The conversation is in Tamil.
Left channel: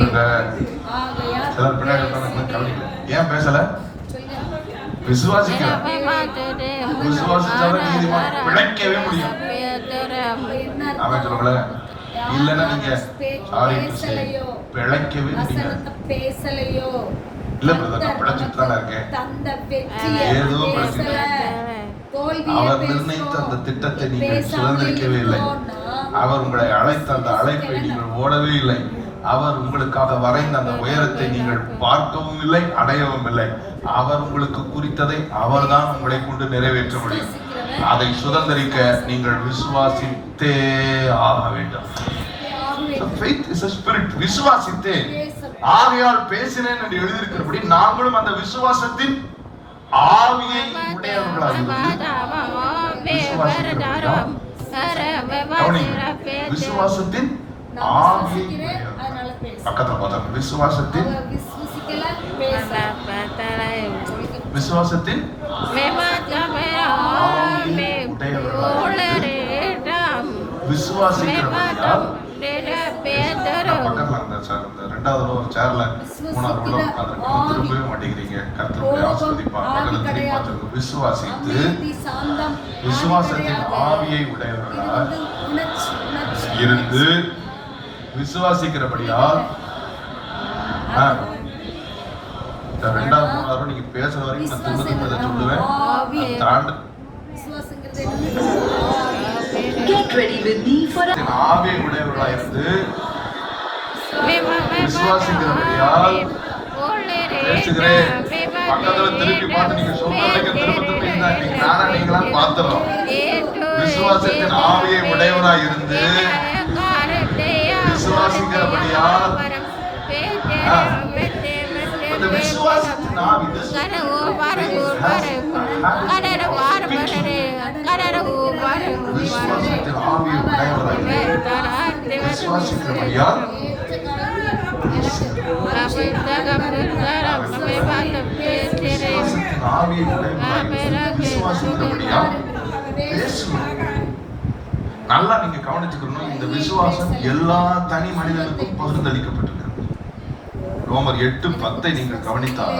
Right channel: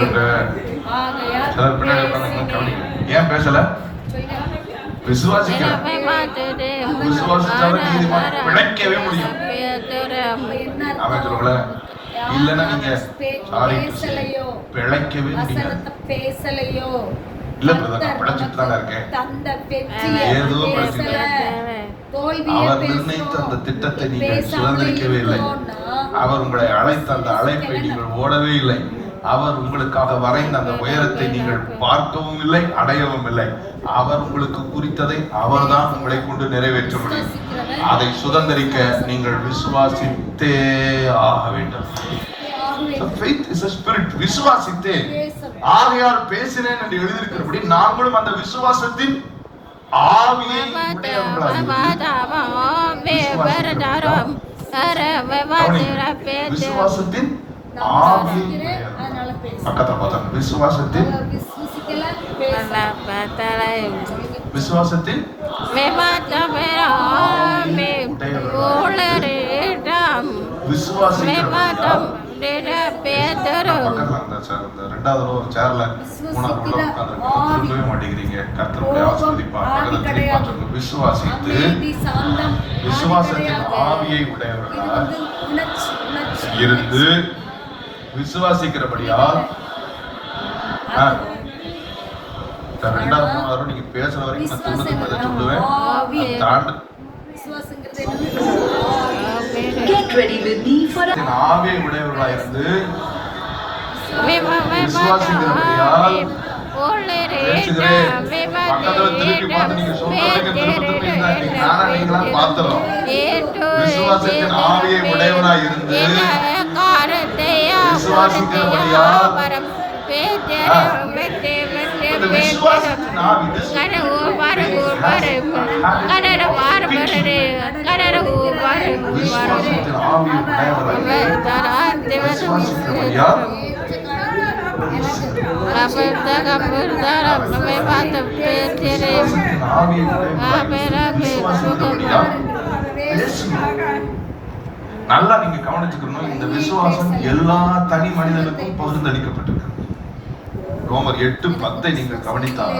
சிலர் பின்னாடி உட்கார்ந்து ஏன் பேசல? விசுவாசிக்கிறேன். பிழைக்கவே முடியும். அவன் சொல்லல இல்லன்னா நீங்க பிழைக்கவே பேசலையோ இல்ல பிரதர், பிழைச்சிட்டு தான் இருக்கேன். ஏதோ அவர் நிர்ணயித்த அந்த திட்டத்தை நீங்கள் சுதந்திரிக்கவே இல்லை. அவர் உங்களை அழைத்த அந்த அழைப்பை நீங்கள் ஓடவே இல்லை. அவர் உங்களுக்காக வரைந்த அந்த உயரத்தை நீங்கள் பார்க்கவும் இல்லை, அடையவும் இல்லை. அவர் உங்களுக்கு குறித்ததை அவர்தான் உங்களை கொண்டு நிறைவேற்ற முடியும். அதை சுதந்திரிக்க நீங்கள் விசுவாசித்தே ஆக வேண்டும். விசுவாசித்தே ஆகையால் பேசினேன் என்று எழுதியிருக்கிறபடி நாங்களும் அந்த விசுவாசத்தின் ஆவியை விசுவாசத்தின் ஆவியை பக்கத்துல பார்த்தா விசுவாசத்தின் விசுவாசத்தின் ரெண்டாவது ஒரு சேர்ல மூணாவது திரும்பவே மாட்டேங்கிறீங்க. கர்த்தருடைய ஆசீர்வதிப்பார். விசுவாசித்து விசுவாசத்தின் ஆவியை உடையவர்களாக இருந்து விசுவாசிக்கிறபடியால் ரெண்டாவது மூணாவது நீங்க பேசுற வரைக்கும் நான் சொல்லுவேன். ஆவியை உடையவர்களாக இருந்து விசுவாசிக்கிறபடியால் பேசுகிறேன். பக்கத்துல திருப்பி பார்த்து நீங்க சொல்றீங்க, திருப்பி நானா நீங்களா பார்த்துறோம். விசுவாசத்தின் ஆவியை உடையவராக இருந்து விசுவாசிக்கிறபடியால் நல்லா நீங்க கவனிச்சுக்கணும். இந்த விசுவாசம் எல்லா தனி மனிதனுக்கும் பகிர்ந்தளிக்கப்பட்டிருக்கு. ரோமர் 8:10 நீங்கள் கவனித்தால்